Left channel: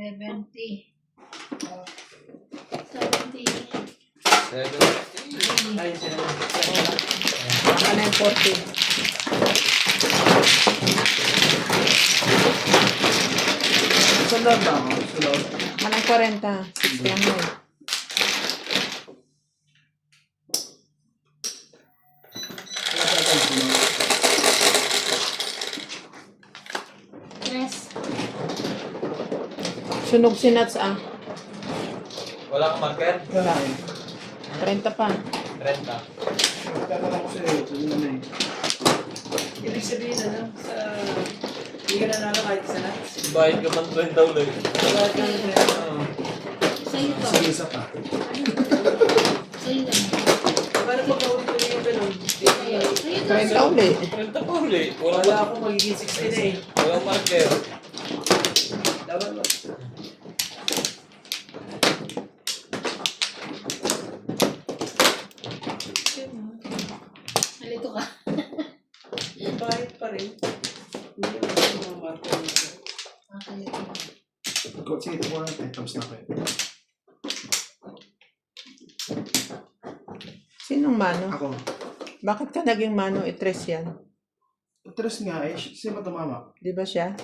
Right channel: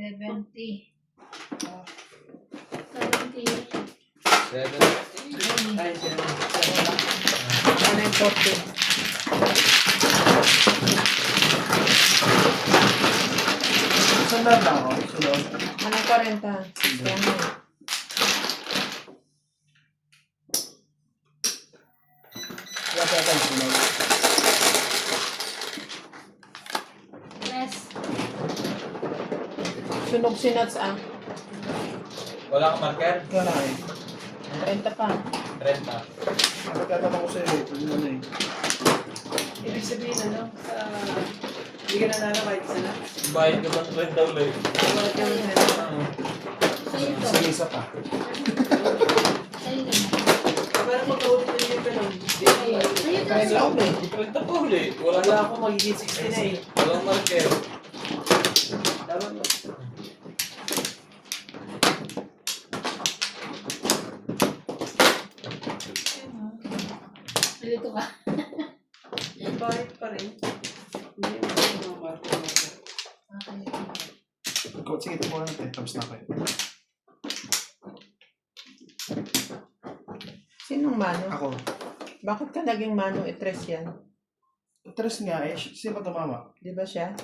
70. Oh. 70. 70. Ay, 70. Ano yung 40? Sunod na ako. Sunod. Anong 40? 60. Wala siya tayo sunod. Yes. Sunog si Nats ah. Wala kang marker? Wala eh. 30 pa. 30. Magtatanong ko sa iyo. Ito yun na eh. Ibig sabihin ano, sa... Hindi ka nanalo kahit isa na. Bayad ka pang 30 ulit. Bakit ka nanalo? Sa'yo to. Sa isa pa. Sa'yo lang. Parang magkaulit-ulit yung ganun. Sa'yo. Sa'yo to. 30 ulit. 30 pa ulit. Wala Wala lang. ako magiging 60 na eh. Walang marker. Tama ba? Nalito ka. Bakit pa rin? Hindi mo mga marker mo. Sige, ito po natin. Tapos na kayo. Sinong mano? Ako. Bakit ka naging mano? I-tres yan. Tres nga eh. Sino ba tumama? Di ba siya?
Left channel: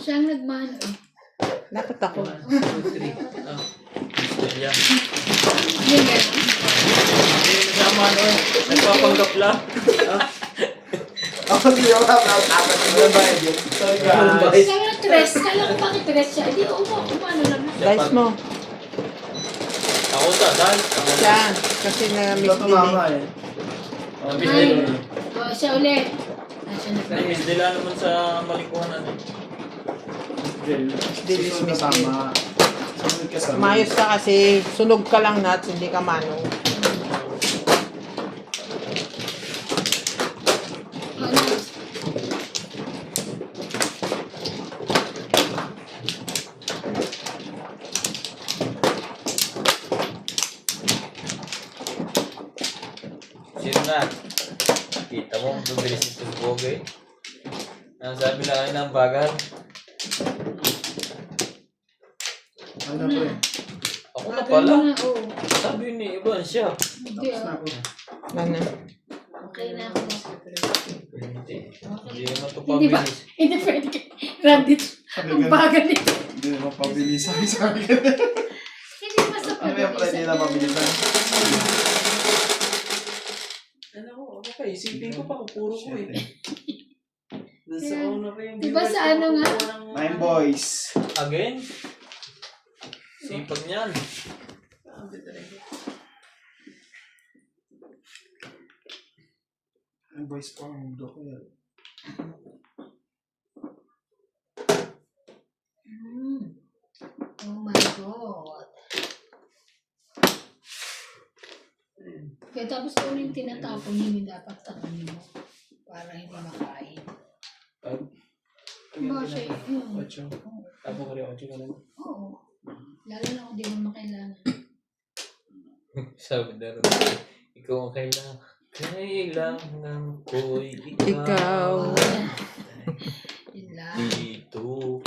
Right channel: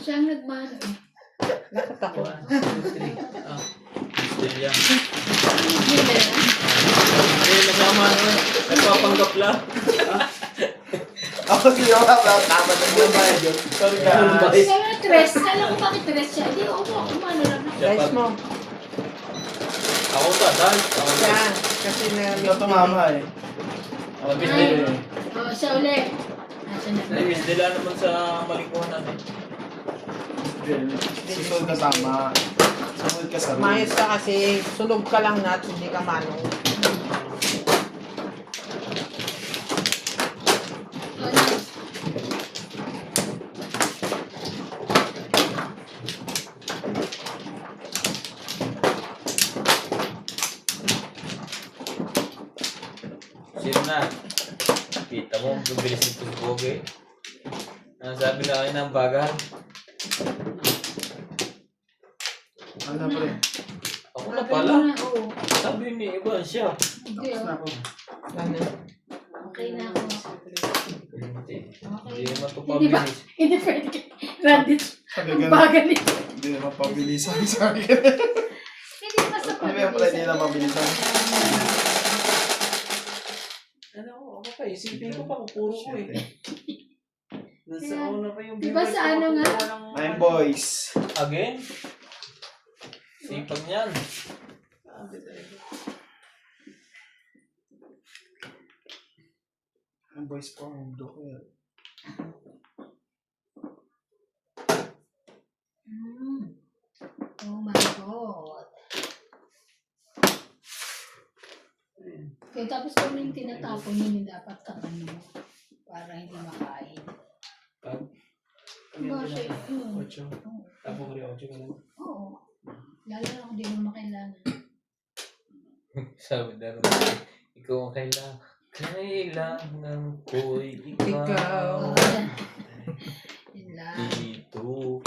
Siya ang nagmano eh. Nakit ako. 1, 2, 3. Ah. Still yan. Yun ba yun? Hindi, nasama no. Nagpapanggap lang. Ako hindi ako nakakatawa. Ano ba yun? Sorry guys. Kaya nga tres. Kala ko bakit tres siya. Hindi ko kumano naman. Dice mo. Ako ta, dahil. Yan. Kasi na Hindi ko tumama eh. Namiss Ay. din. Oo, siya ulit. Siya na. Namiss nila naman sa malikunan eh. Susunod ka tama. Susunod ka sa Mayos ka kasi. Sunog ka lang Nats. Hindi ka mano. Sino na? Kita mo, bibilis ito si Pogi. Sabi na kayo ng bagal. Ano na pre? Ako na pala. Oo. Sabi ni Ivan siya. Hindi Tapos na ah. ako. Ano? Okay na ako. Hindi. Hindi Okay. naman ito Hindi ba? pabilis. Hindi pwede ka. Randit. Sabi Ang ganun. bagal nito. Hindi naman pabilisan sa akin. Hindi ba sa Ano yung pala hindi na pabilisan? Ano ko? Ako pa, isipin ko pa kung puro ko eh. Nasa una pa yung Diba viewers sa ko, ano nga? walang- Nine boys. Again? Sipag niyan. Sabi talaga. Nine boys po ang mundo ko eh. Oh my God. Kaya tapos kung ano yung tinatapon, hindi dapat takanin mo. Para hindi makain. Diba siya? Ocho. Tapos ko rin 8 ka lang. Oo. Lalo na kung di mo makailangan. Sabi na rin. Ikaw ang kailangan. Kailangan ko'y Ikaw. ikaw. Yun lang. Dito.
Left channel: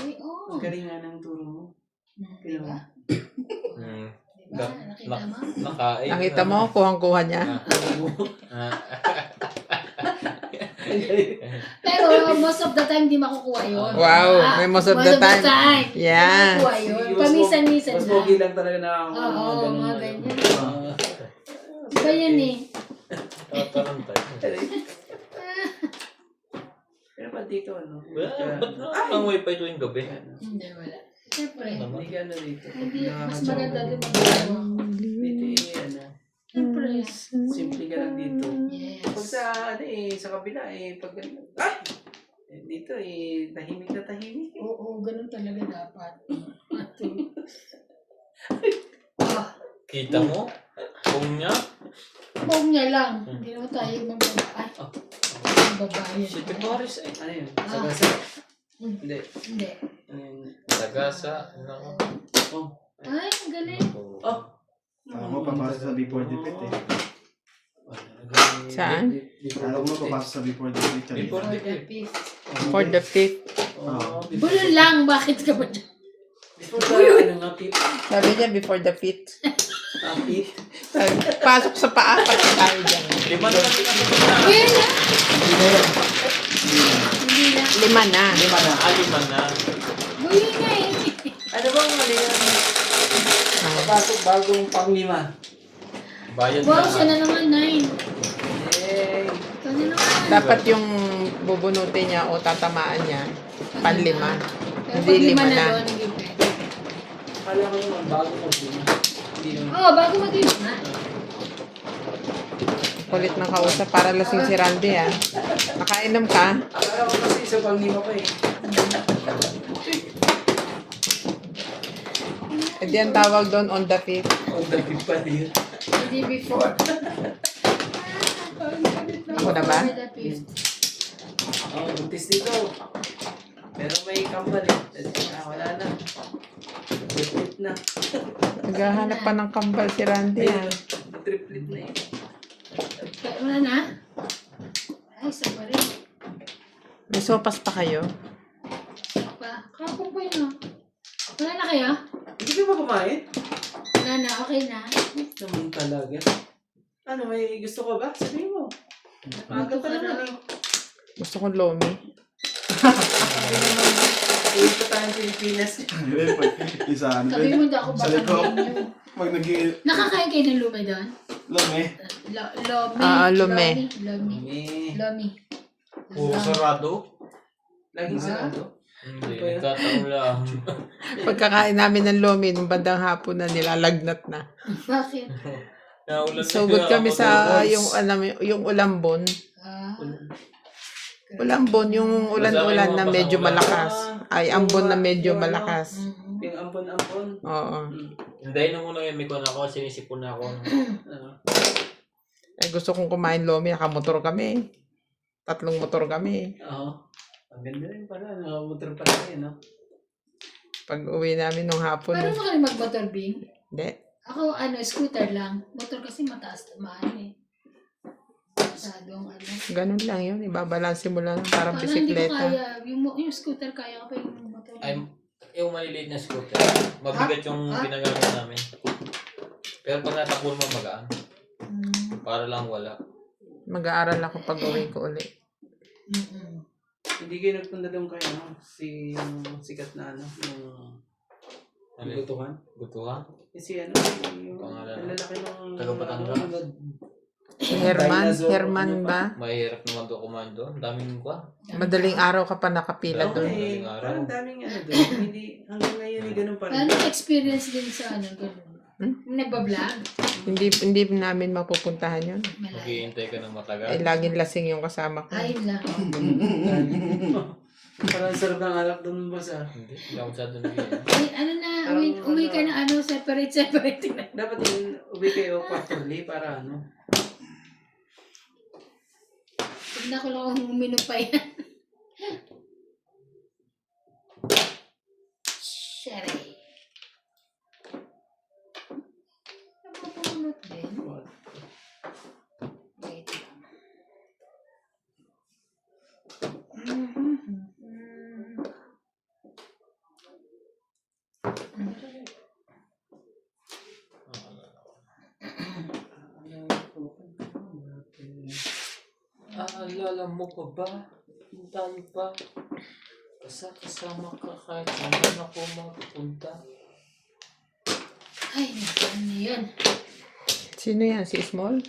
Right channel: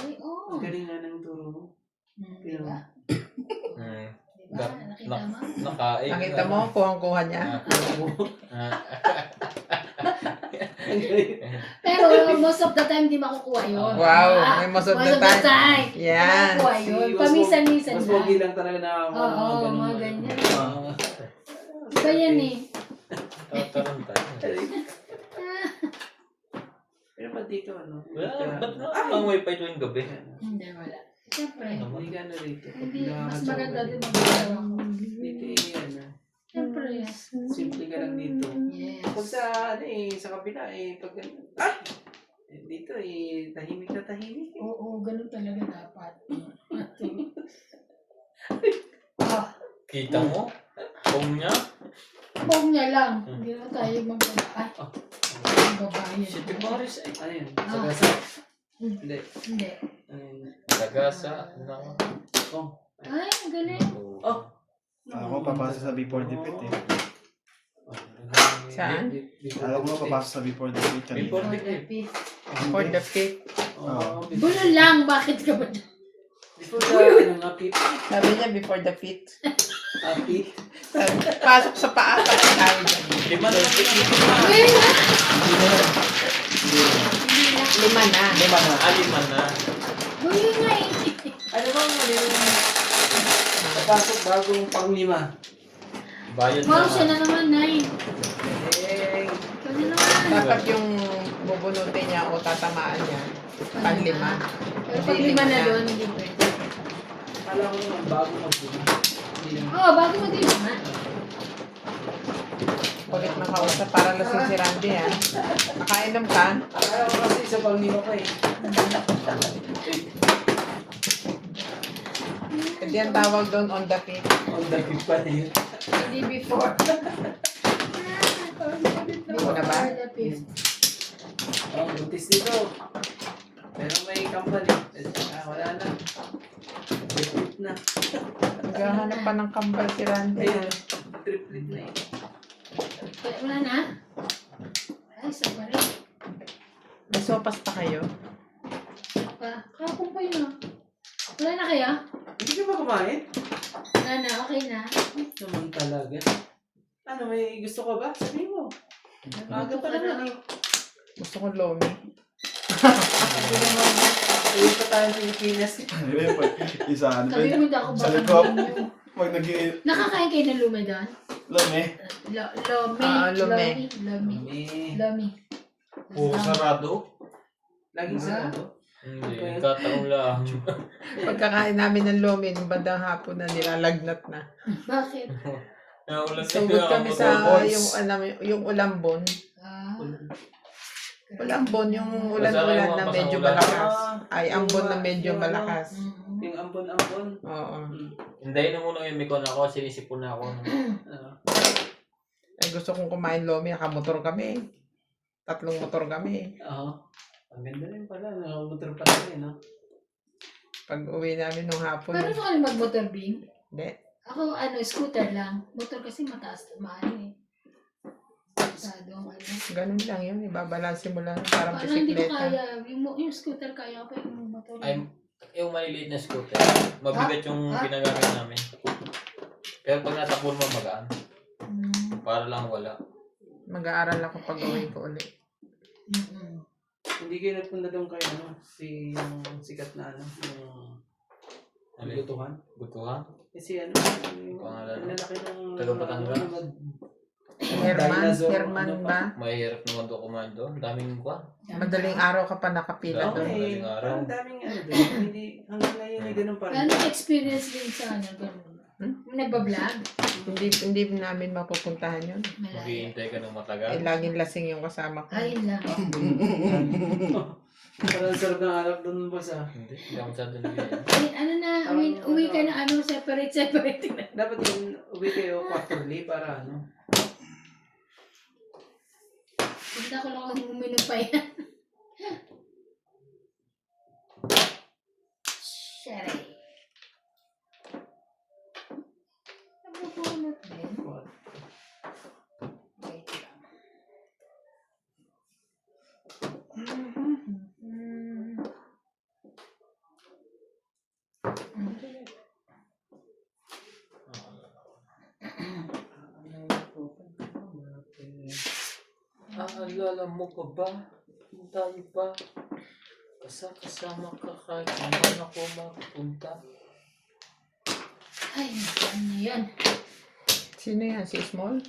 Uy, oo. Ang galing nga ng turo mo. Diba? Hmm. Diba? Nakita mo? Nakain. Nakita mo? Kuhang-kuha niya. Pero most of the time, di makukuha yun. Wow. May most of the time. Yan. Makukuha yun. Pamisan-misan Mas lang. pogi lang talaga na ako. Oo, mga ganyan. Oo. Iba yan eh. Tatarantay. Pero ba't dito ano? Ba't na ang wifi tuwing gabi? Hindi, wala. Siyempre. Hindi ka ano dito. Hindi, mas maganda din mag-ano. Dito eh, ano. Siyempre. Simple ka lang dito. Yes. Pag sa ano eh, sa kabila eh, pag dito eh, tahimik na tahimik eh. Oo, ganun talaga dapat. Ah, Kita mo? Kung niya? huwag niya lang. Hindi naman tayo magbabae. Magbabae. Si Timaris eh. Ano yun? Ah. Sagasa? Hmm. Hindi. Hindi. Ano yun? Sagasa. Ano? Oh. Ay, ang galing. Oh. Ako papasa sa before dipit eh. Saan? Alam mo, papasok sa before the week kanina. Before the For the fifth. For the 5th. Bulo lang, bakit ka ba dyan? Before the, ano nga, Pip? Sabi niya before the 5th. Pip? Pasok sa paapat tayo dyan. 5 naman din ako. Wait lang. Hindi na. Hindi lang. 5 na. 5 na. Huli nga eh. Ano bang mali na papasok bagong pang-5? Bayad Wow, siya na. na naman, 9. Eh, Kasi naman. Dapat yung bubunutin niya o tatamaan niya, pan-5. Pero Hindi, pag 5 5 na na. doon, hindi pwede. akala ko naman bago mag-5. Hindi naman. Oo, bago mo din na. Kulit ng kausap para lasing si Randy ah. Nakainom ka? Akala ko kasi isa pang-5 pa eh. Hindi ang tawag doon on the 5th. On the 5 pa yun. Hindi before. Hindi mo na ba? For the fifth. Oh, buntis dito. Pero may kambal eh. Wala na. Triplet na. Naghahanap pa ng kambal si Randy. Ayun, triplet na eh. Wala na? Ay, isa pa rin. May sopas pa kayo? Kapag pa yun ah. Wala na kaya? Hindi ka ba kumain? Wala na, okay na. Naman talaga. Ano, may gusto ka ba? Sabihin mo. Maaga pa naman eh. Gusto kong lomi. Sabi naman, uwi pa tayo sa Pilipinas. Hindi, pag isa, ano ba Sabi yun? mo hindi ako Sa baka likod. ninyo. Pag naging, Nakakain kayo ng lumi doon? lumi. Lomi. Lume. Lomi. May Lomi. Puro sarado. laging sarado. Hindi, nagkataon lang. Pagkakain namin ng lomi, nung bandang hapon na nilalagnat na. Bakit? Naulan Sugod kami sa yung ulambon. Ah. Ulambon, yung ulan-ulan na medyo malakas. Ay, ambon na medyo malakas. Mm. Yung ambon-ambon. Oo. Hintayin na muna yung mikon ako, sinisipon na ako. Eh, gusto kong kumain lomi, nakamotor kami. 3 motor kami. Oo. Ang ganda rin pala. Nakamotor pa tayo, no? Pag uwi namin nung hapon. Paano mo kayo mag-motor, Bing? Hindi. Ako, scooter lang. Motor kasi mataas, maano eh. Masyadong Ganun lang yun. Ibabalansin mo lang parang Parang hindi ko bisikleta. kaya. Yung scooter kaya ko yung motor. Ay, yung maliliit na scooter. Mabigat yung ginagamit namin. Pero pag natakbo mo magaan. Para lang wala. Mag-aaral ako pag uwi ko ulit. Mm-mm. Hindi kayo nagpunta doon kayo, no? Yung sikat na ano, yung gutuhan. Gutuhan? Kasi ano, yung Pangalan. lalaki ng... Taga Batangas. Herman ba? Mahirap naman doon kumain doon. Daming kwa. Madaling araw ka pa nakapila Oo, doon. eh. Madaling araw. Parang daming ano doon. Hindi, hanggang ngayon eh, ganun pa rin. Paano experience din sa gano'n? Nagbablog? Hindi namin mapupuntahan yun. Malaya. Maghihintay ka ng matagal. Ay, laging lasing yung kasama ko. Ayun lang. Parang sarap ng alak doon, boss ah. Hindi ako masyado nag-iingat. Ay, ano na, uwi ka na separate na. Dapat yung uwi kayo quarterly para ano. Huwag na ko lang uminom pa yan. Sherry. Nabubunot din. Wait lang. Alala mo pa ba? Tayo pa. Kasama ka kahit saan ako magpunta. Ay, ano na yan? Sino yan? Si Small?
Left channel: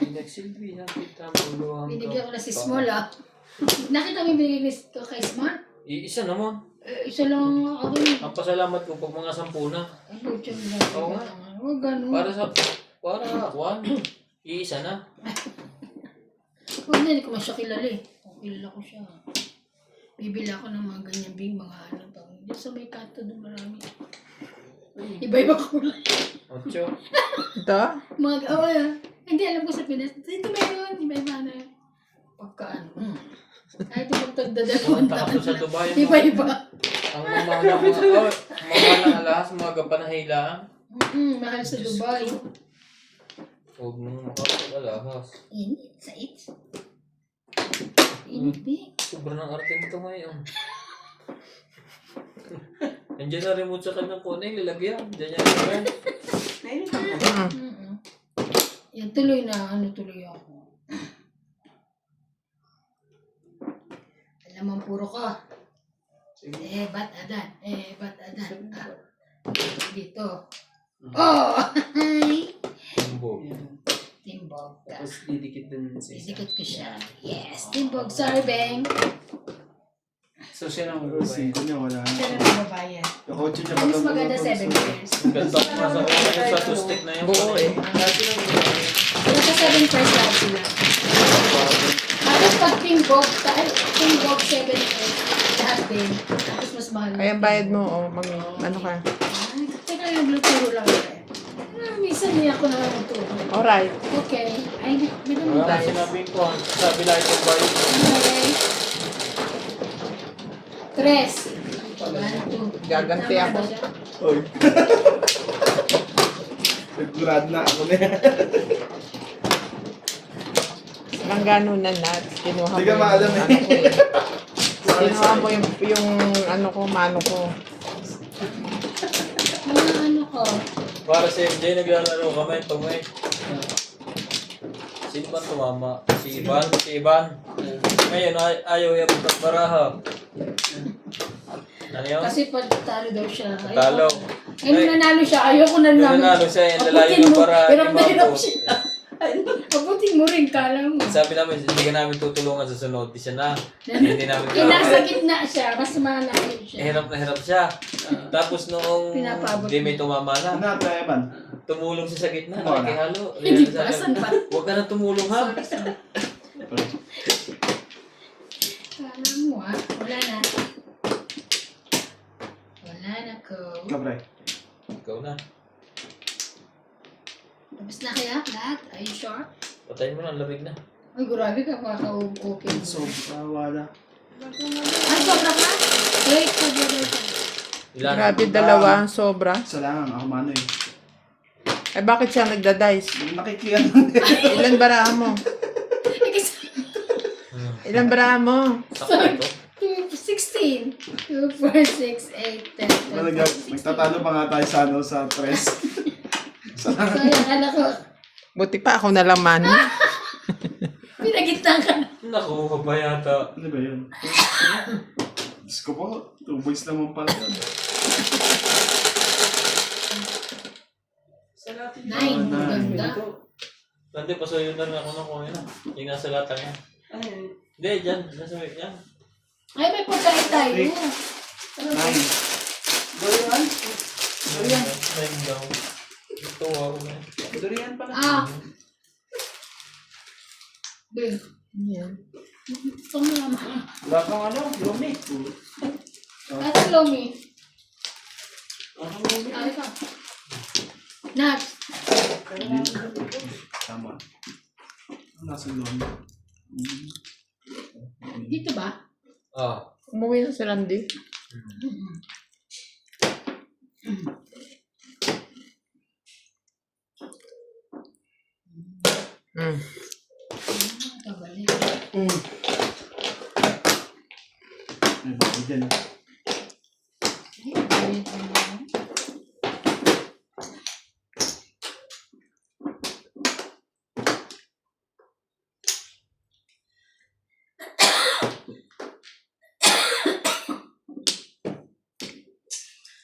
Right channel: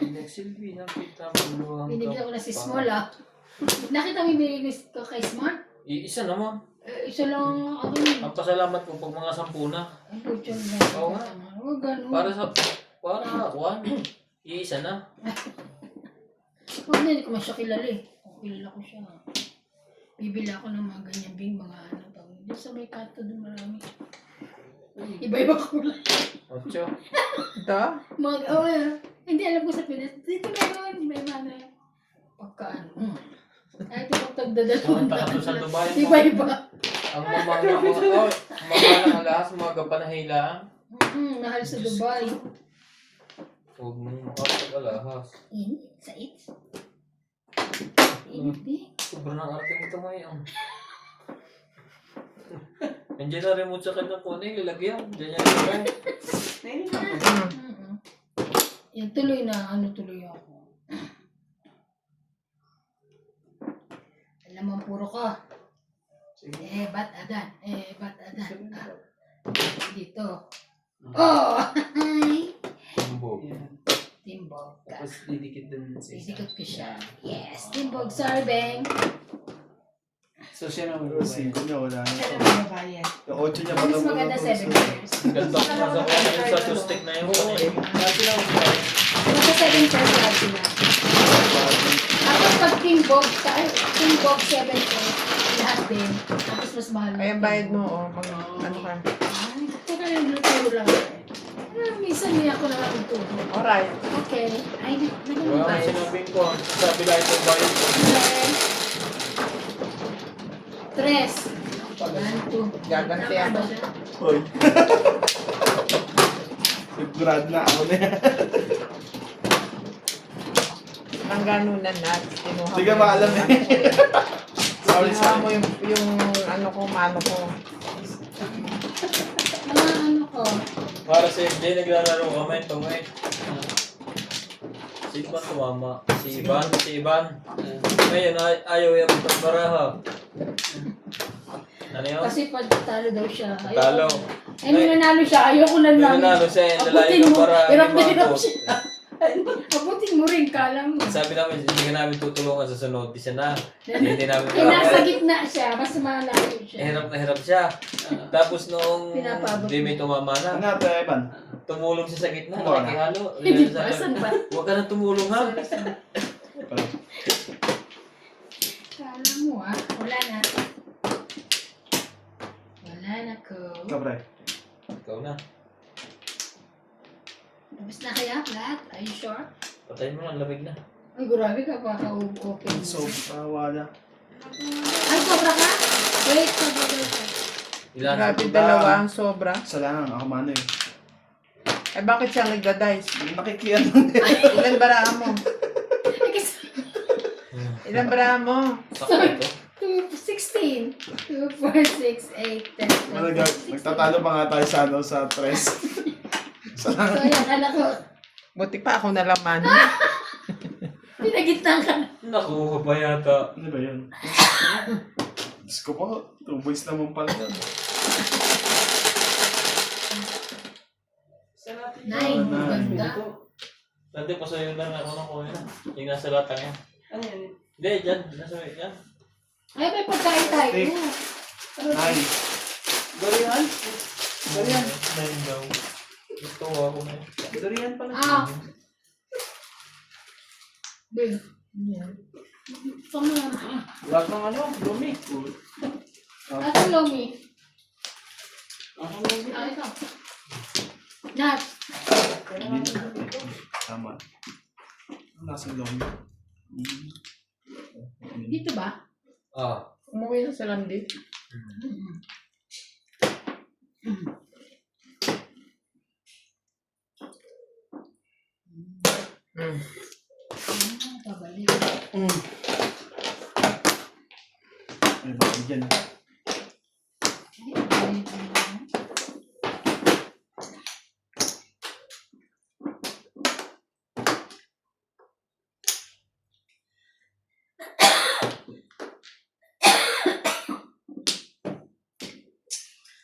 Nagsilbi na kita mo. Binigyan ko na si Small ah. Nakita mo yung binigyan ko kay Small? Isa naman. Isa lang ako yun. Ang pasalamat ko pag mga 10 na. Ang pucho lang. Oo nga. Huwag ganun. Para Juan. Iisa na. Huwag na, hindi ko masya kilala eh. Kung kilala ko siya. Bibili ako ng mga ganyan bing, mga ano tawag. Diyan sa may kanto doon marami. Iba-iba kulay. 8. Ito? Hindi alam ko sa Pinas. Dito ba yun? Iba-iba na. Pagka ano. Ay, pinagtagdadalawang Punta ka sa Dubai. Iba-iba. Ang mamahal na mga alas, mga kapanahilaan. Mahal sa Dubai. Huwag mong makapag-alahas. Init sa it. Init eh. Sobrang arte nito ngayon. Nandiyan na remote sa kanyang kuning, lalagyan. Diyan niya rin. Mm-mm. Yan, tuloy na. Tuloy ako. Alam mo ang puro ko. Ba't adan? Ba't adan? Dito. Oh! Timbog. Timbog. Tapos didikit din sa isa. Isikot ko siya. Yes, timbog serving. So siya nang Pero 5 niya, wala na. Siya na magbabayad. Yung kotse niya, Mas maganda 7 years. Ganda ko na sa kuning yung sa two-stick na yung Oo eh. Dati lang ako. Nasa 7 first lahat sila. Tapos pag timbog 7 first, lahat din. Tapos mas mahal. Kaya bayad mo, pag ano ka. Ay, teka lang, luturo lang eh. Minsan niya ako naman luturo. Alright. Okay. Ay, meron Wala ba? akong sinabing ko. Sabi lang itong bayad. Okay. 3. 1, 2. Gaganti ako. Hoy. Sigurado na ako na yan. Ang ganunan na. Kinuha Hindi ka maalam eh. Kinuha mo yung ano ko, mano ko. Ano ko? Para sa MJ, naglalaro kami. Tumay. Sino ba tumama? Si Ivan. Si Ivan. Ngayon, ayaw yung pagbaraha. Ano yun? Kasi pag talo daw siya. ayoko Talo. na. Eh, nung nanalo siya, ayoko na Nung lang. nanalo siya, yung lalayo Abutin ng mo. para Hirap hindi na hirap maabot. siya. Abutin mo rin, kala mo. Sabi namin, hindi ka namin tutulungan sa sunod. Di siya na. Hindi namin Eh, nasa gitna siya. Mas malayo siya. Hirap na hirap siya. Tapos noong Pinapabot di may tumama na, Ano ito, Evan? tumulong siya sa gitna. Wala. Nakikihalo. Hindi ba? Saan ba? Huwag ka na tumulong ha. Kala mo ah. Wala na. Wala na ko. Ikaw, pre. Ikaw na. Tapos na kaya lahat? Are you sure? Patayin mo na, lamig na. Ay, grabe ka pa ka-okay. So, wala. Ay, sobra ka? Wait, wait. Ilan? Grabe, dalawa ang sobra. Isa lang, ako mano eh. Eh bakit siya nagda-dice? Nakikiyan. Ilan baraan mo? Eh, kasi Ilan baraan mo? Sakto ito. 16. 2, 4, 6, 8, 10, 12, 16. Nagtatalo pa nga tayo sa ano, sa tres. So, yan, anak ko. Buti pa ako na lang man. Pinagitang ka na. Nakuha pa yata. Ano ba yun? Diyos ko po, 2 boys naman pala yun. 9. Maganda. Nandi, pasuyo na nga ako ng kuya na. Yung nasa latang yan. Ano yun? Hindi, dyan. Nasa yan. Ay, may pagkain tayo. Nice. Dorian? Dorian? Nine daw. Ito ako na yun. Dorian pala. Ah. Bill. Yan. Ito mo naman. Wala kang ano, lumi. Ate Lomi. Ako lumi. Ah, ikaw. Nat. Tama. Nasa lomi. Dito ba? Ah. Umuwi na si Randy. Kabalik. Ayun, bigyan na.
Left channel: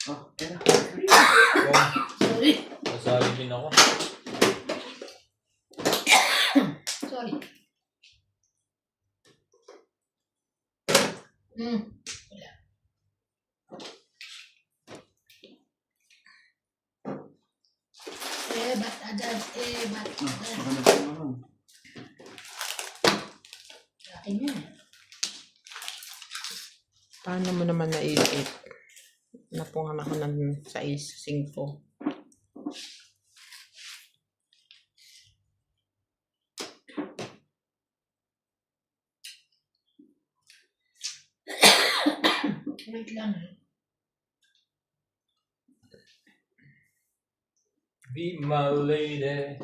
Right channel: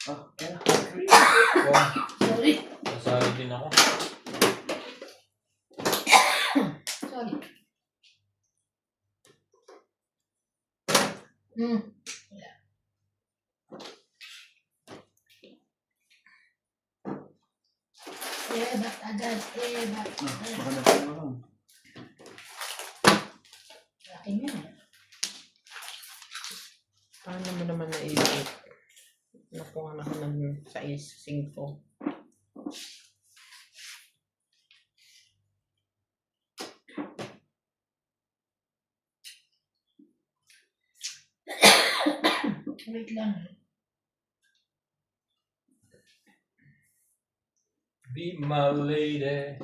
Oh, kaya na. Oh, Sorry. nasali din ako. Sorry. Hmm. Wala. Ba't adas? Ba't Ah, adas? ako na ako. Akin yan. Paano mo naman naisip? Napungan ako ng 6-5. Wait lang. Be my lady.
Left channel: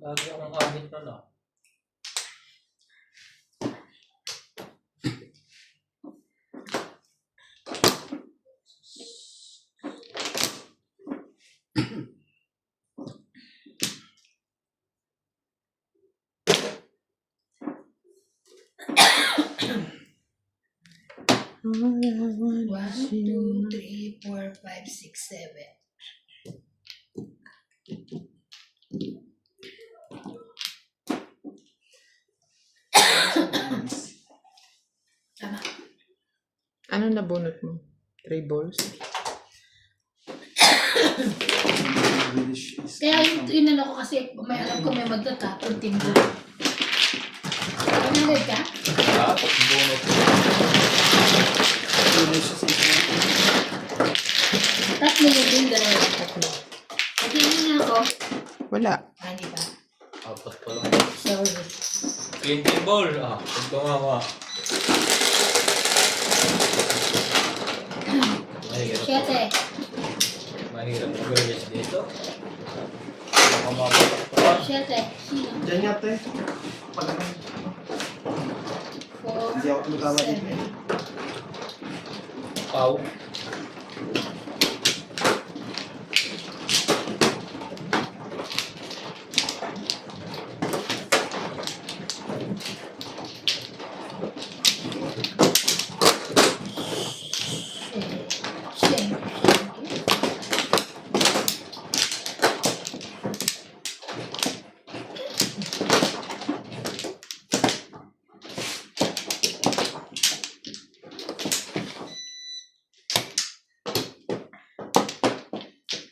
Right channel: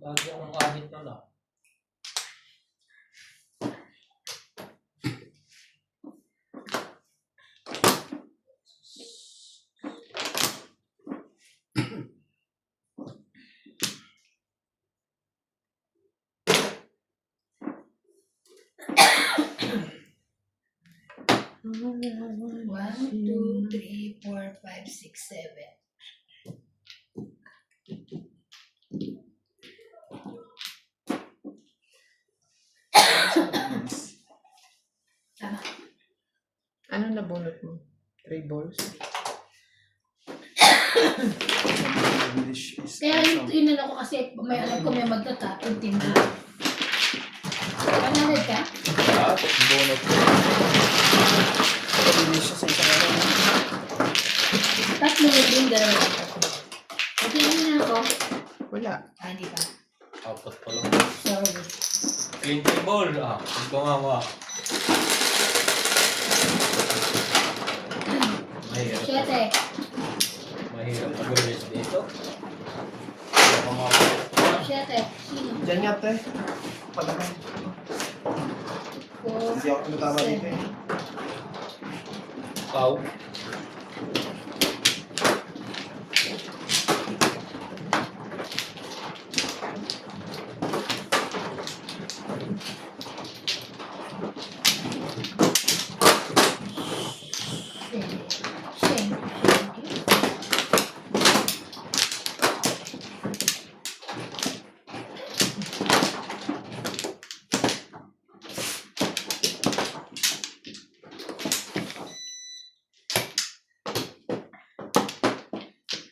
Lagi akong kahit na lang. One, two, three, four, five, six, seven. Tama. Ano nabunot mo? 3 balls? English is Kaya yung inano ko kasi may alam ko may magtatapon tindi. Panagad ka? Ah, bunot. English sa isang Tatlo yung dalawa. Pagkinin na ako. Wala. Hindi pa. Apat pa lang. Sorry. Clinking ball. Ah, ito nga mga. Mahirap. Siyete. Mahirap mag-release dito. Siyete. Sino? Diyan yata eh. Palagay. Four, Hindi ako tumatama dito eh. seven. Pau. Same.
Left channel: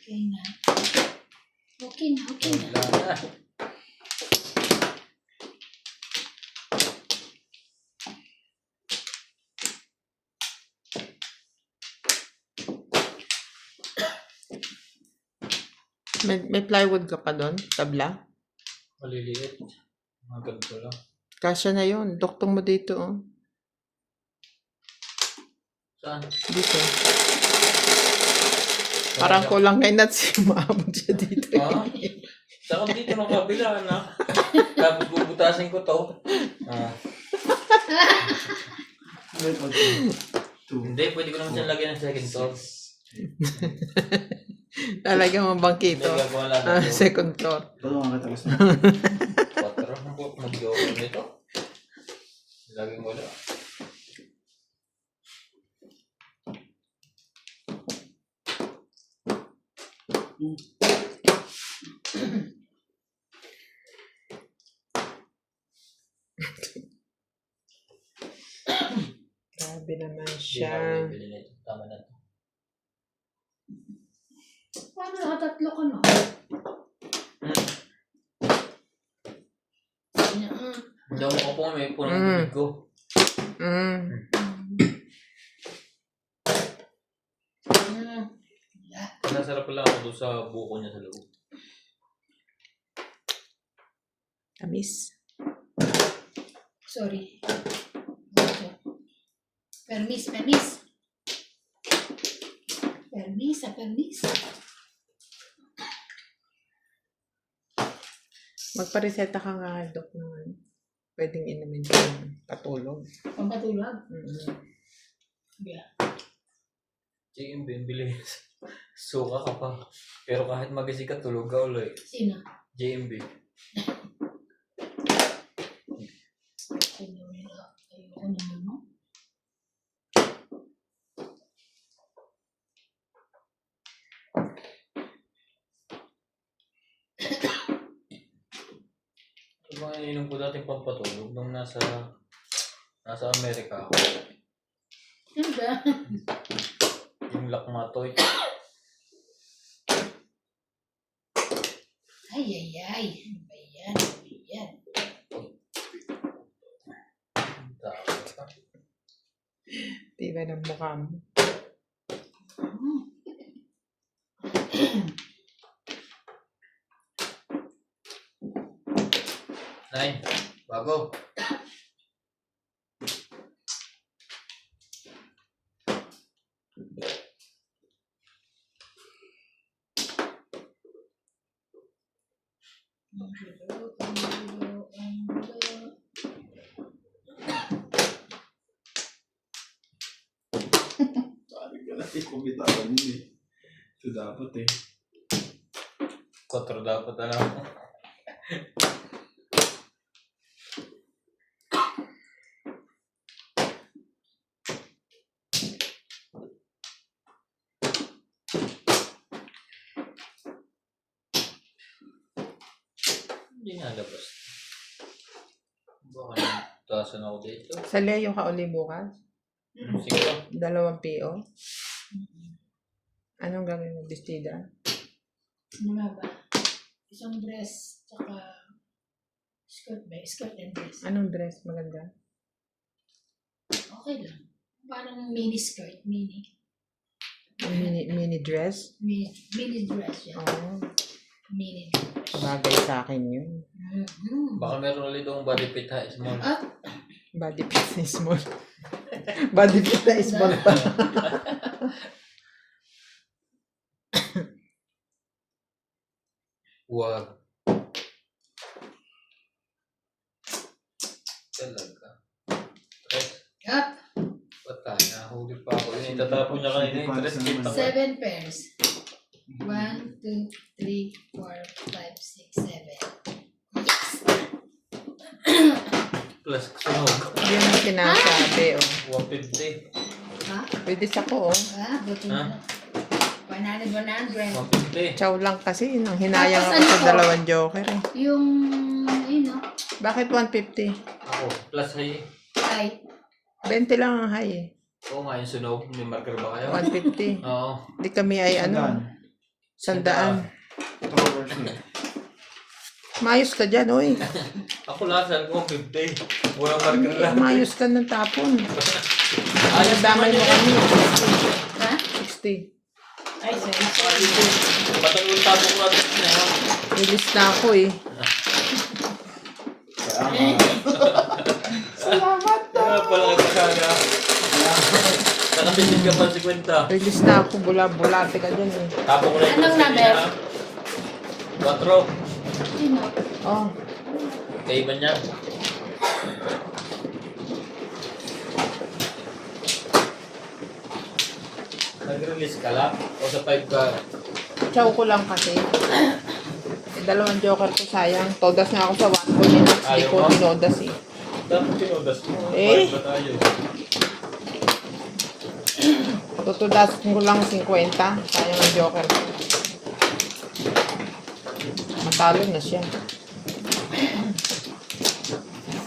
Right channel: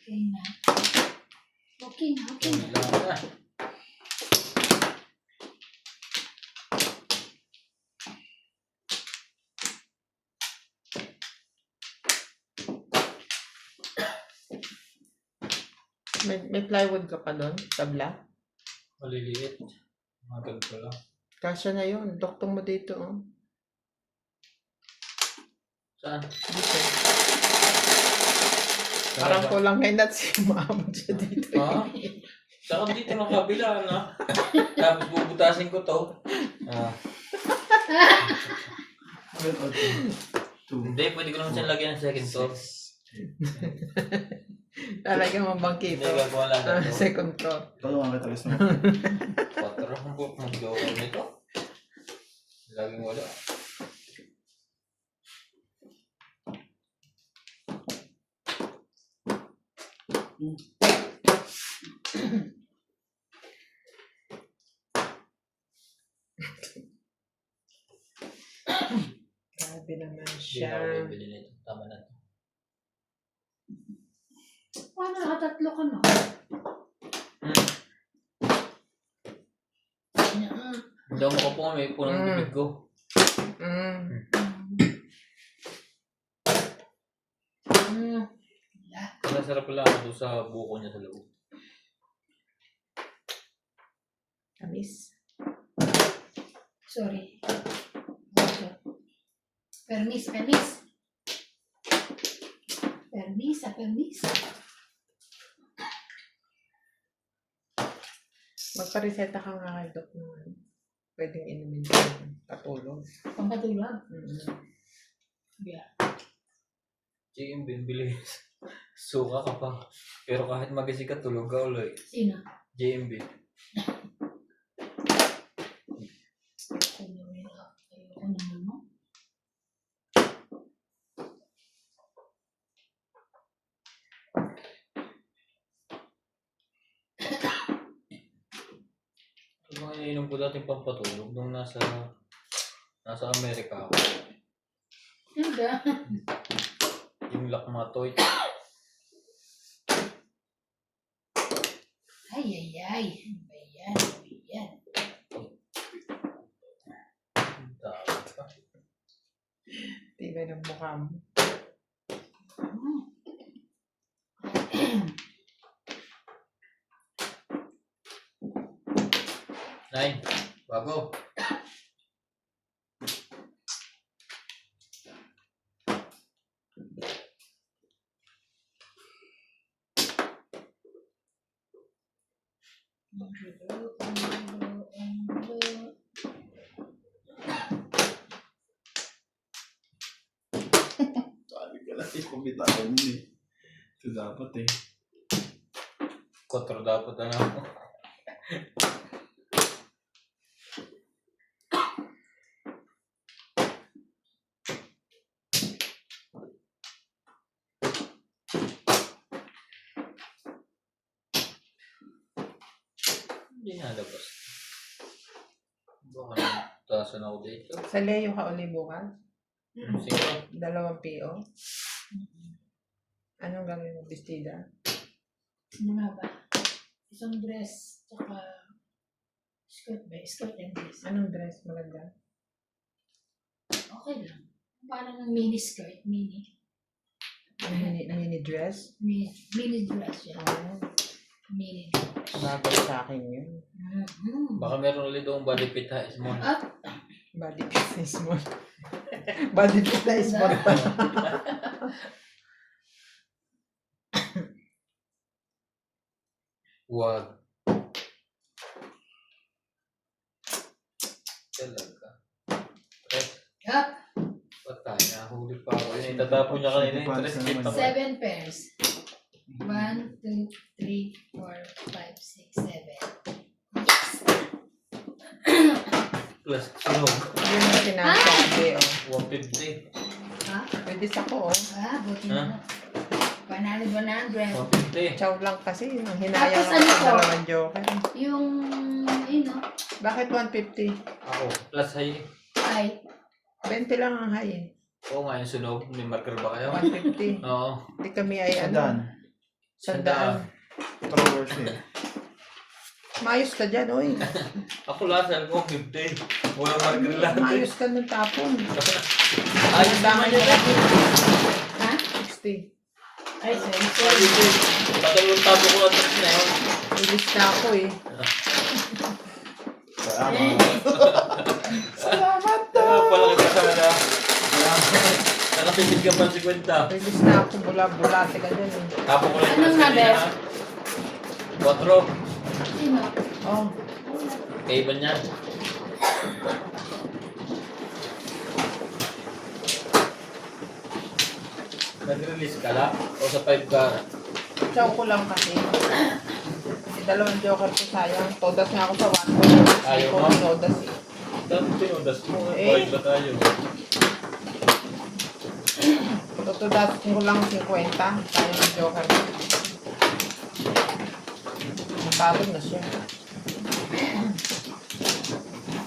Okay na. Okay na, okay na. Wala na. May plywood ka pa doon? Tabla? Maliliit. Mga ganito lang. Kasya na yun. Doktong mo dito, oh. Saan? Dito. Parang kulang kay Nat si Maamon siya dito. Ha? Saka dito ng kabila na. Tapos bubutasin ko to. Ah. Hindi, pwede ko naman siyang lagyan ng second floor. Lalagyan mo Hindi, bangkito. gagawa lang ito. Second floor. Ano nga kita gusto mo? 4. Mag-gawa ko nito. Laging wala. Grabe naman Hindi na siya. ako bibili nito. Tama na to. Paano nakatatlo ka, no? Hindi ako makapunga. May punong bibig ko. Mm. Masasarap lang ako doon sa buko niya sa loob. Tamis. Sorry. Permis. Permis, permis. Magpareseta ka nga kay Doc naman. Pwedeng inumin ka ng patulog. Pampatulog. Yeah. Chicken bean, bilis. Suka ka pa. Pero kahit magising ka, tulog ka ulit. Sino? JMB. Ayoko naman, no? Ito bang ininom ko dating pampatulog nung nasa Amerika ako. Ano ba? Yung Lakmatoy. Ay. Ano ba yan? Tawag ka. Tibay ng mukha mo. Nine. Bago. Pumitawan yun eh. Ito dapat eh. 4 dapat na lang. Hindi nga labas. Baka nagtasan ako dito. Sa Leo ka uli bukas? Sige. 2 PO? Anong gagawin mo? Bestida? Ano nga ba? Isang dress, tsaka skirt ba? Skirt and dress. Anong dress maganda? Okay lang. Parang mini skirt, mini. Mini dress? Mini dress yan. Oo. Mini dress. Bagay sa akin yun. Mhm. Baka meron ulit doong body fit ha, small. At, Body fit na small. Body fit na small pa. Huwag. Talaga. Tres. at Patay, nahuli pa ako. Yun, itatapon niya kanina yung tres. Kita ko. 7 pairs. 1, 2, 3, 4, 5, 6, 7. Yes! Plus, sunog. Hindi mo sinasabi, oh. 150. Ha? Pwede sa ko, oh. Ah, buti na lang. 100, 100. 150. Chow lang kasi, nang hinayang Tapos ako ano sa ko? 2 joker, eh. Yung, yun no? Bakit 150? Ako, plus high. Ay, 20 lang ang high, eh. Oo nga, yung sunog. May marker ba kayo? 150. Oo. Hindi kami ay Sandaan. Sandaan. Towers niya. Mayos ka dyan, oy. Ako lasan ko, 50. Walang marker lang. Mayos ka ng tapon. Ayos naman yun eh. ha? 60. Ay, sorry, Ayos sorry. yun. Patangong tabo ko natin na yun. Ilis na ako, eh. Kaya pala kita sana. Nakapisit ka pa 50. Ilis na ako, bulate ka dyan, eh. Tapo ko na yung Anong plus number? kanina. 4. Sino? Oh, Kaya ba niya? Nag-release ka lang? O sa 5 ka? chow ko lang kasi. Eh, 2 joker ko sayang. Todas na ako sa 1 ko yun. Hindi Ayaw ko mo? tinodas, eh. Dapat tinodas mo. Eh. 5 ba tayo? Tutudas ko lang 50. Sayang ang joker ko. Talo na siya.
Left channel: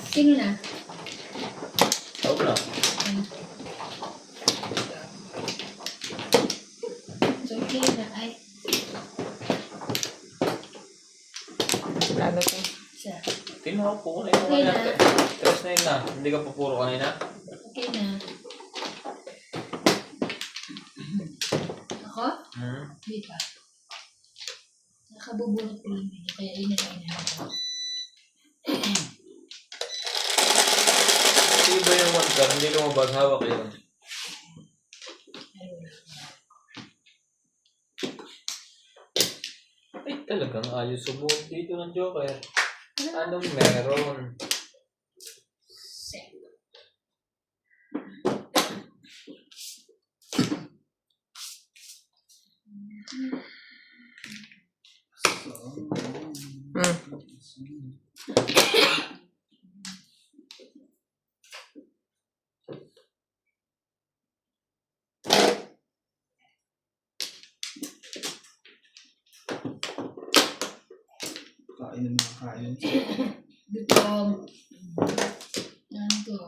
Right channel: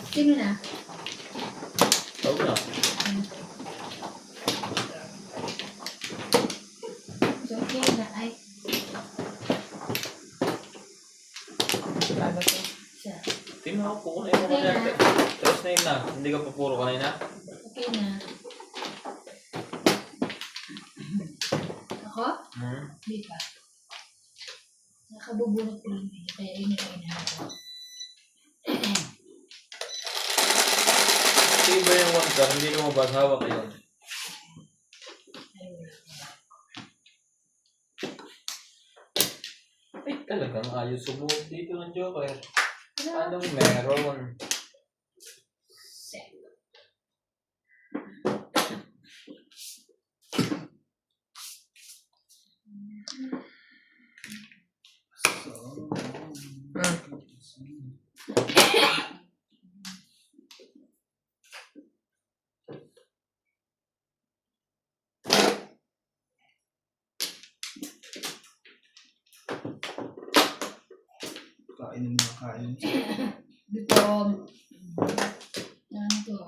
Sino na? Tawag na. So, okay na. Ay, Ano to? isa. Tingnan ko po na yung Okay mga na. Tres na yun na. Hindi ka pa puro kanina. Okay na. Ako? Hindi pa. Nakabubunot ko lang video, kaya yun na lang inahanap. Sige ba yung 1 car? Hindi lumabas. Hawak yun. Ay, wala. Ay, talagang ayos sumuot dito ng Joker. Anong meron? Set. Kain ng mga kain. Dito. Yan to.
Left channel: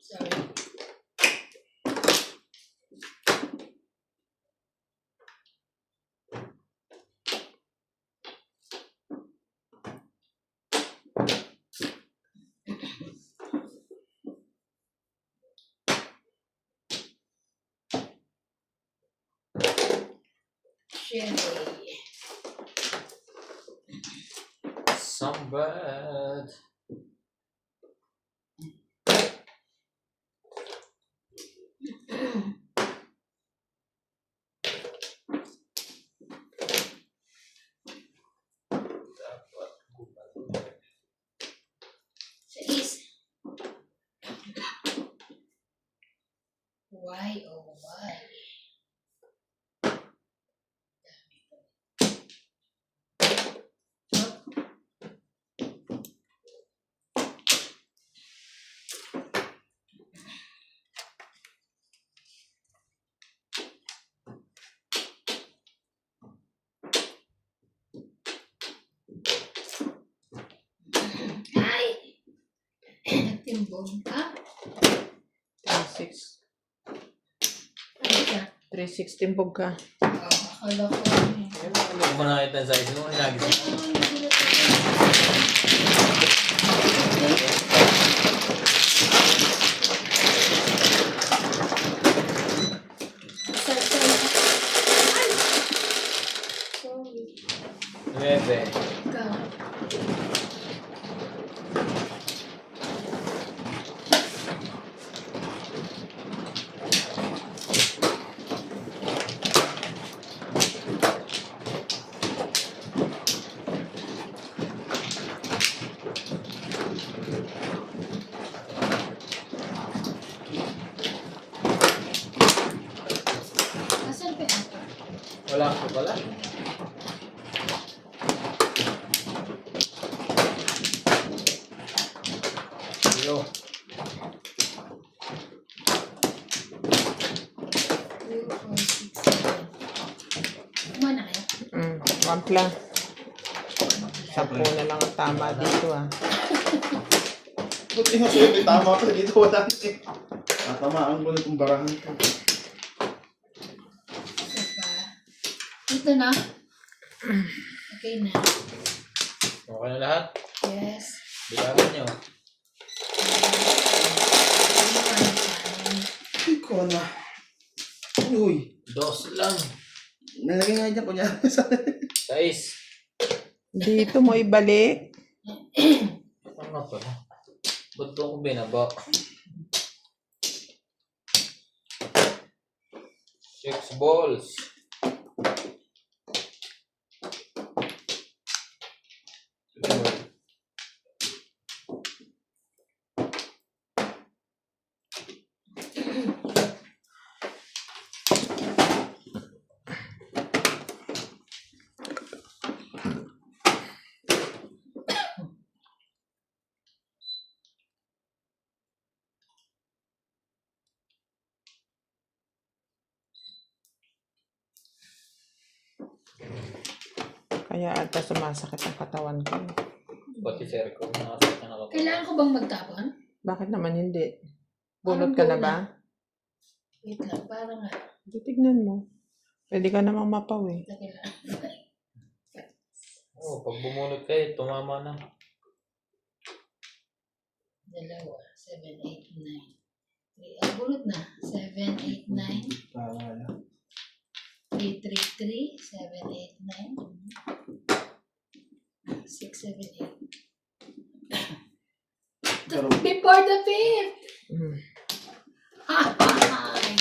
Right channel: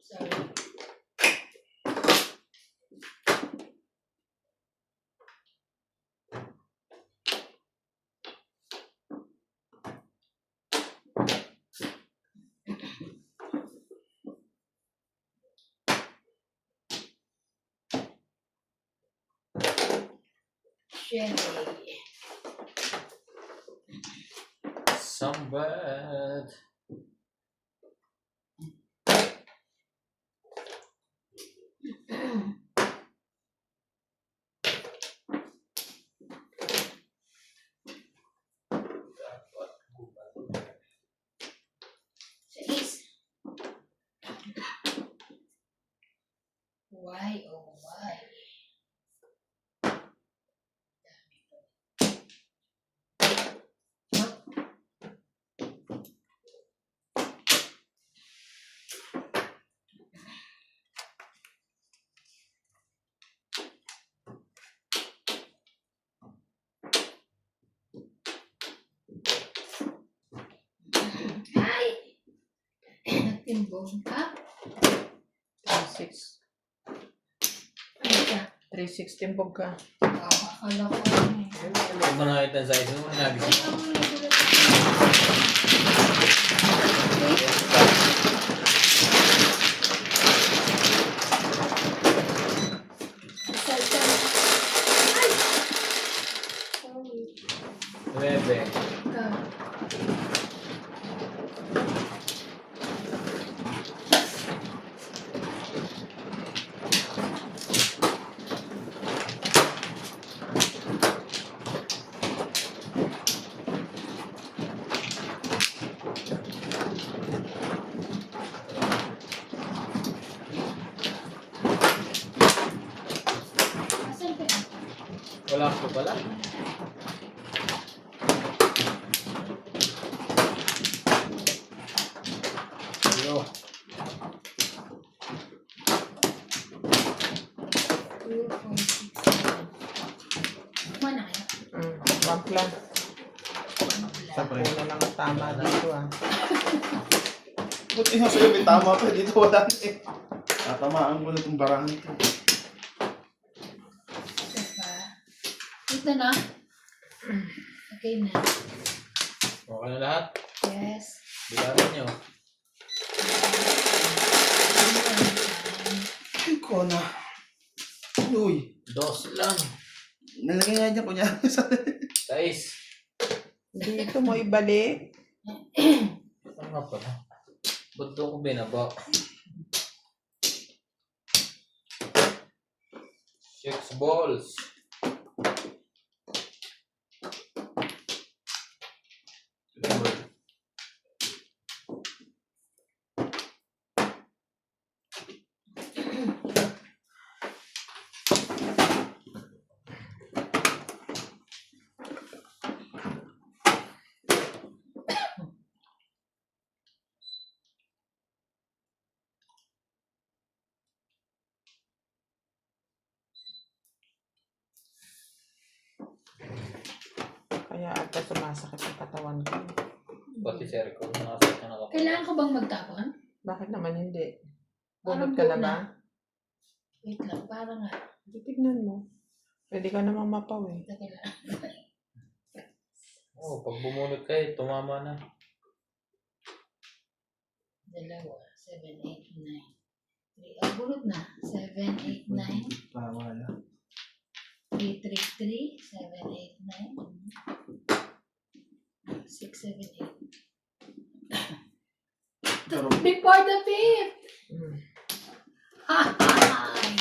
Sorry. Sherry. Some bad. Timbog. Ha? 3.6. Ano siya? 3.6 timbog ka. Akala ko. Hindi ko pa nakita yung size nung nagising. Sorry. 9. Ikaw. Asan ka? Wala ko pala. Yo. 2, 4, 6, 7. Kumana kayo? Ramp lang. Sampu na lang ang tama dito ah. Buti nga sa'yo, may tama ka. Dito wala na eh. Tatamaan ko na itong barahan ko. Isa pa. Ito na. Okay na. Okay na lahat. Yes. Bilangan nyo. Iko na. Uy. 2 lang. Nalagay nga dyan kunyari sa... 6. Dito mo ibalik. Ano nga pala? Ba't doon ko binaba? 6 balls. Kaya ata sumasakit ang katawan ko. Pati sir ko. Nakasakit na nakapag. Kailangan ko bang magtapon? Bakit naman hindi? Bunot ka na ba? Wait lang, parang nga. Tignan mo. Pwede ka namang mapaw eh. Teka lang. Oh, pag bumunot kayo, tumama na. 2, 7, 8, 9. 3. Ang bunot na. 7, 8, 9. Tama na. 3, 3, 3. 7, 8, 9. 6, 7, 8. Pero, Before the fifth! Mm. Ay!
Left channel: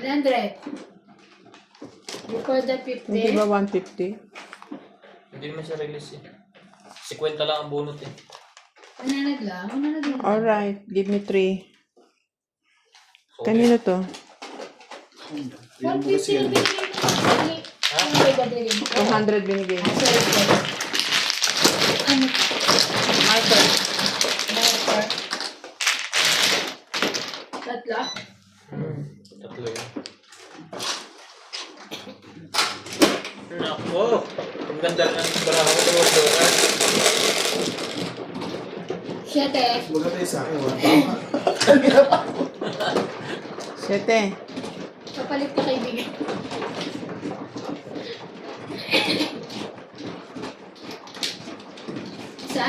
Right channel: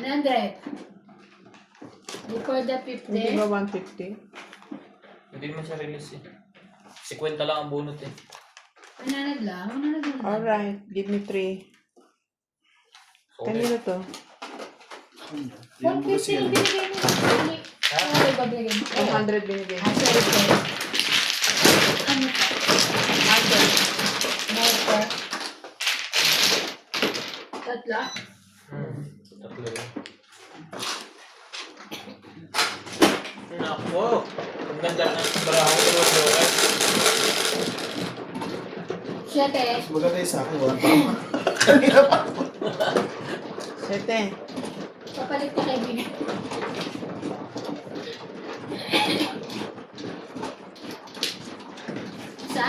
100. Before the fifth Hindi day. ba 150? Hindi naman siya release eh. 50 lang ang bunot eh. Mananag lang. Mananag lang. Alright, give me 3. So, Kanino to? yung bukas 150 yun. na binigay mo. Ha? Ano ba ba binigay mo? 100 binigay. Ah, sorry, sorry. Ano? Marker. Marker. Tatlo? Tatlo yun. Nako! Ang ganda ng baraho ko. Siyete. Mas maganda yung sa akin. Wala. 7. Papalit na kaibigan. Isa?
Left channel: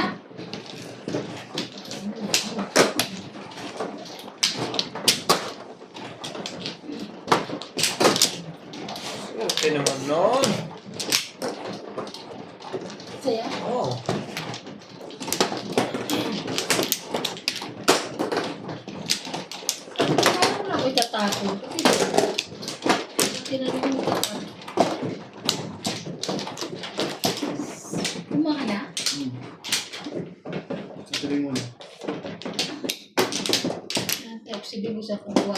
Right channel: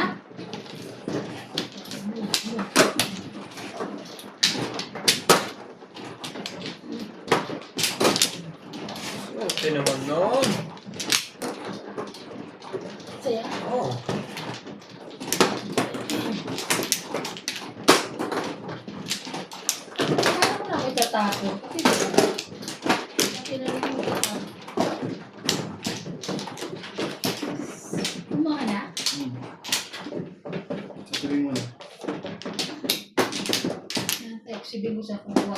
Okay naman nun. Saya? Oh. Kaya ko na ako itatapon. Kasi tinanong mo ito. Kumuha na? Tuloy mo na. Yung type si Bibo sa kukuha.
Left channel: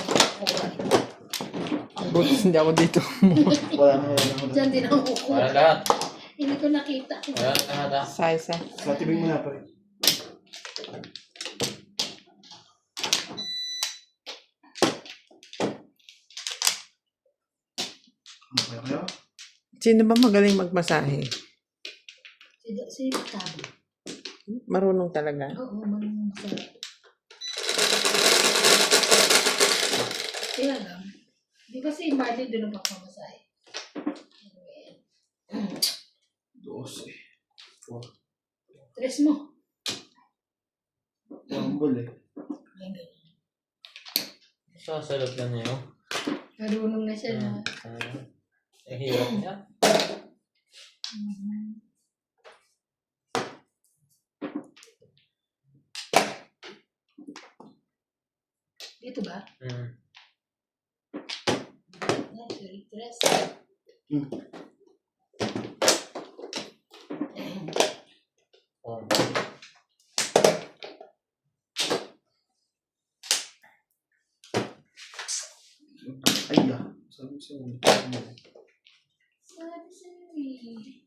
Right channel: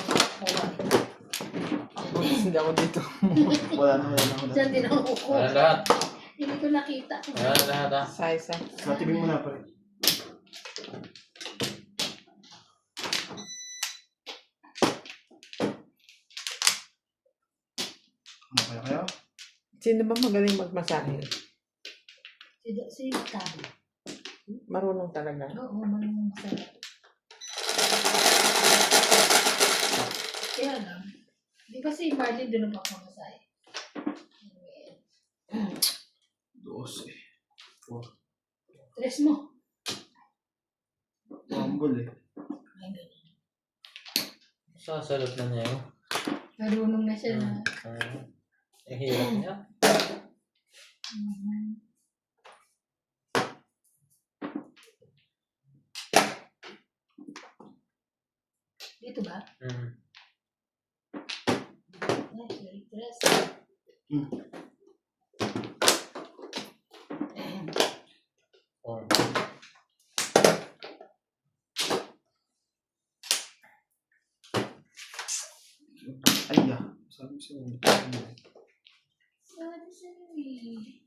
Buti hindi ako dito. Wala na. Diyan din ako kukuha. Wala lahat. Hindi ko nakita. Wala na lahat ha. Size ah. Sa tibing mo na pa rin. Okay kayo? Sino ba magaling magmasahe? Si Tabi. Marunong talaga. Oo, marunong sa... Kaya lang. Di ba si Marley doon na pagkamasay? Anyway. 12. Tres mo. Humble eh. Ay, ganun. Sasalot na niya yun. Marunong na siya na. Ang hirap niya. Mhm. Dito ba? Ay, sorry, tres. Oh. Ay, sabi sa'yo. Sabi sa'yo eh.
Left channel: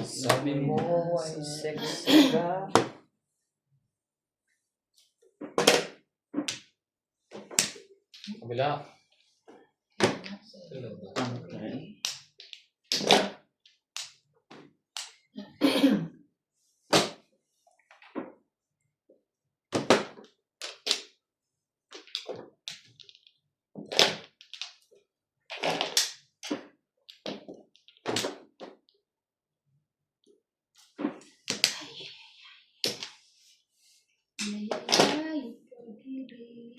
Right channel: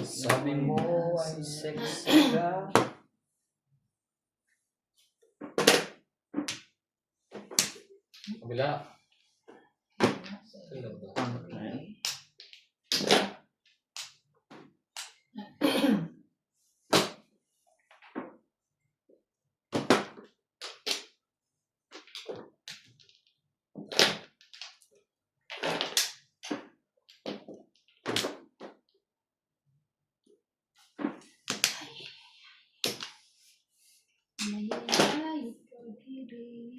Sabi mo ay sexy ka. Kabila. Okay. Ay, ay, pag-ibig.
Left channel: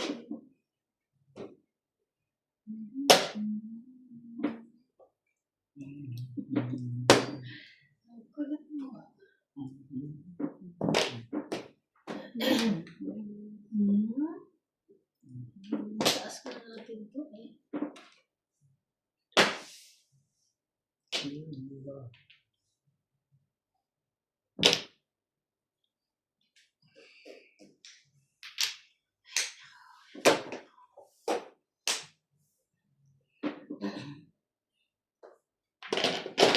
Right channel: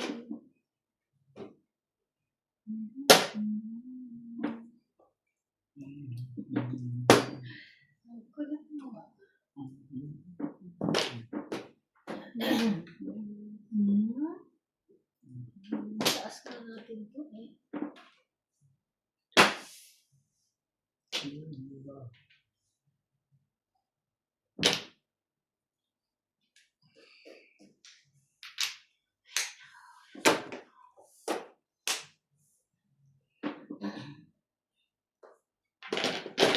Ang kulit mo ah. Taas ko na natin ito eh.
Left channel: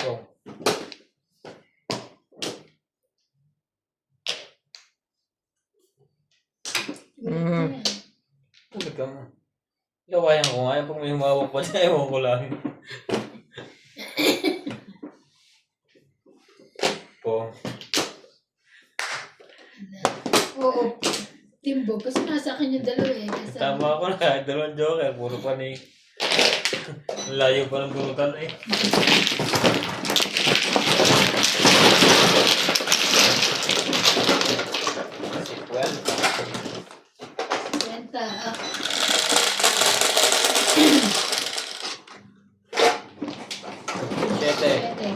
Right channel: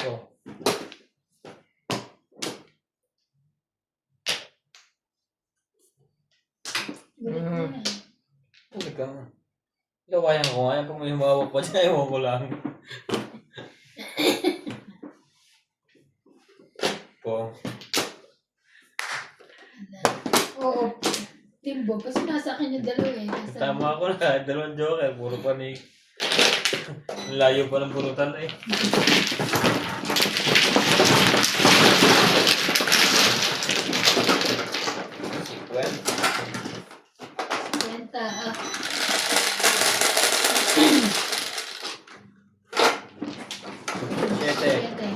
Oh. Ganyan. Huli ka mo. Gawayan ko nga. Pag may humawak pa dyan, ewan ko lang. Po. Oo. Timbo. Kasi nasa akin yung dalawa eh. Kasi Tama ko na. Dalawang joker. Puro pa ni... Ang layo pa ng burutan eh. Well, kwenta. siyete. Pwede.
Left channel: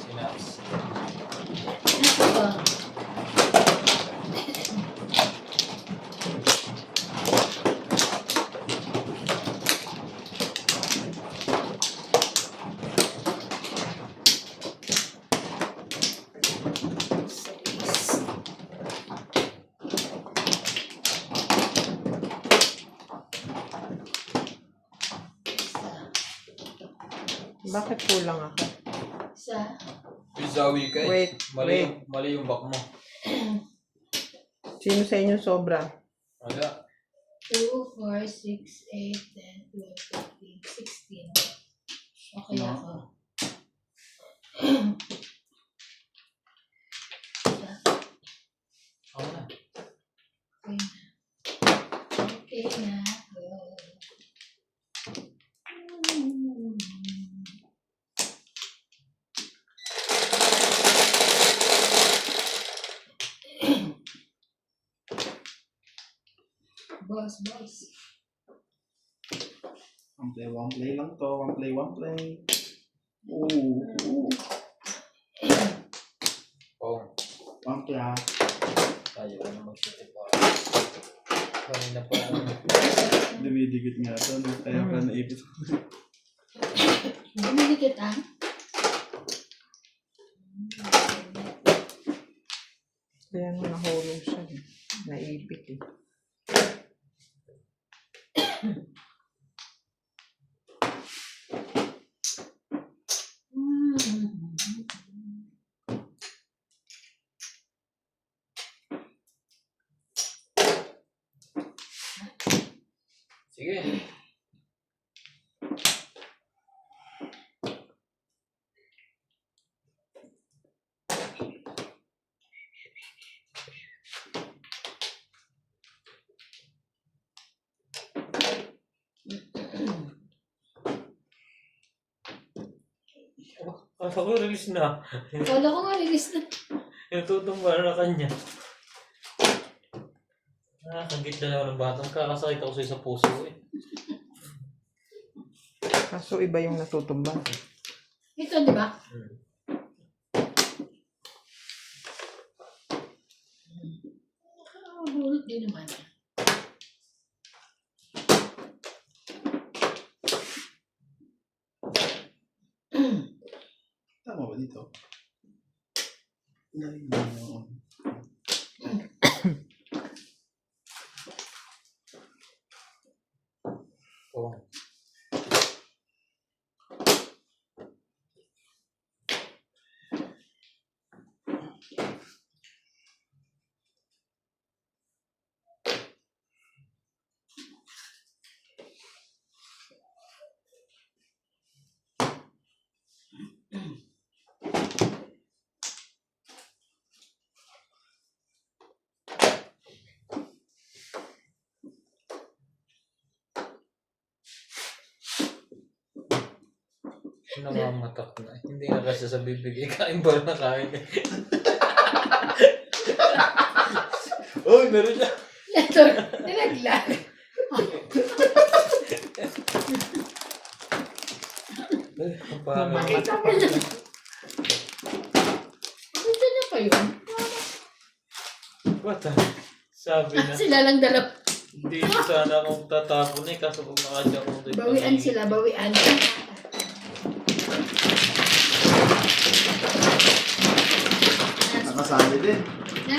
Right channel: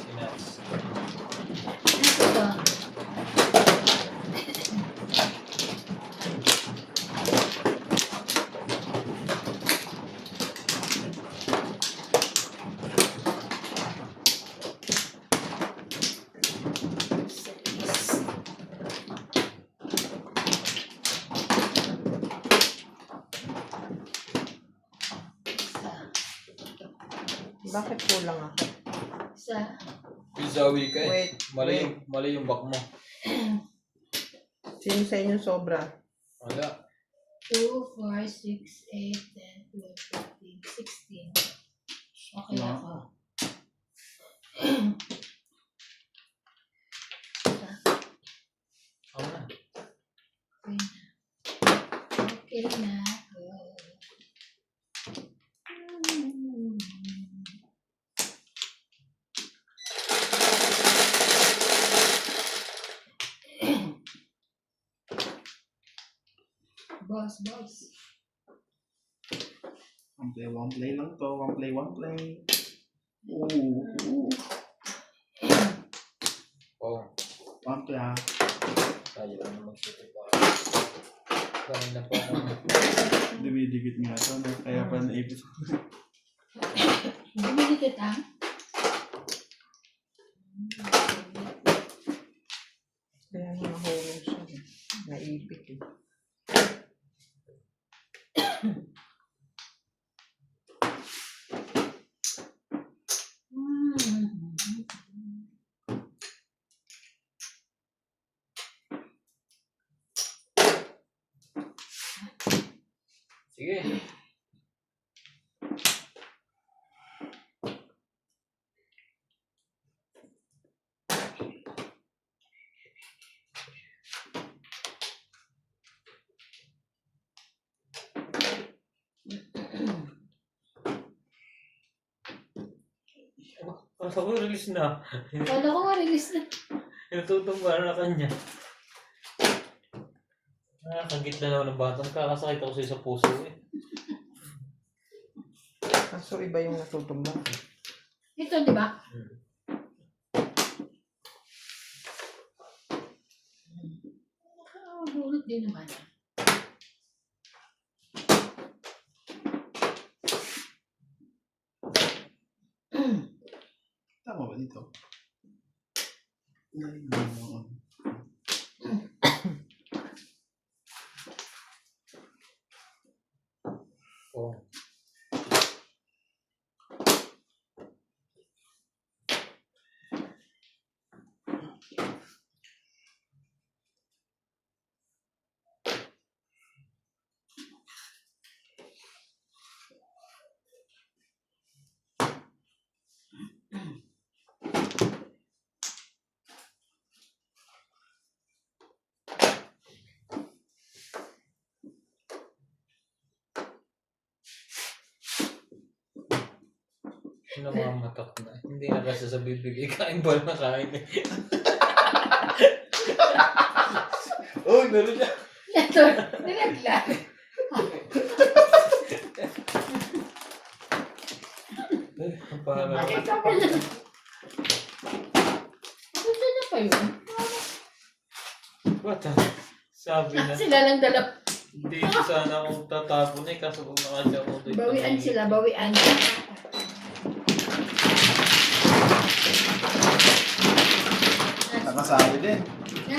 Sinas. Ito. Seis. Isa. Bakit kulang ako? Isa. Pizawi ka eh. Wait, Mali yung back mo. Sino sa inyo sobra? Wala. 2, 4, 6, 8, 10, 12, 13, 16. Okay ako. Ako na. Okay na. Go. Boss. One play lang to. One play. Ooh. Oh. One play ah. Tayo ka na magsipit pa. Kanina pa ako. Dumidikit nga to. No? Kaya pa naipit. Dumidikit ah. Kaya nahulog siya. Naipit eh. Kasa ko release na. Wala ko nga release na. Natutumba na kanya. Nakakagit na naman ng batang kakasakit ako sa puso eh. Kaso iba yung natutumbang. Ito, di ba? Nakabulot din naman. Tama ba dito? Nalilin mo. Oo. Namamatak na. Hindi na kasi sa bibig. Kain ba na kain eh. Oh, meron siya. Ito, nilaglag. Parang Nakita ko na. Gusto niya pa yun. what the? Sabi na. Sila lang dalawa. Hindi sana akong tatapon eh. Kaso kung nakadya akong dito. Bawian sila, bawian. Nakasali din. Na,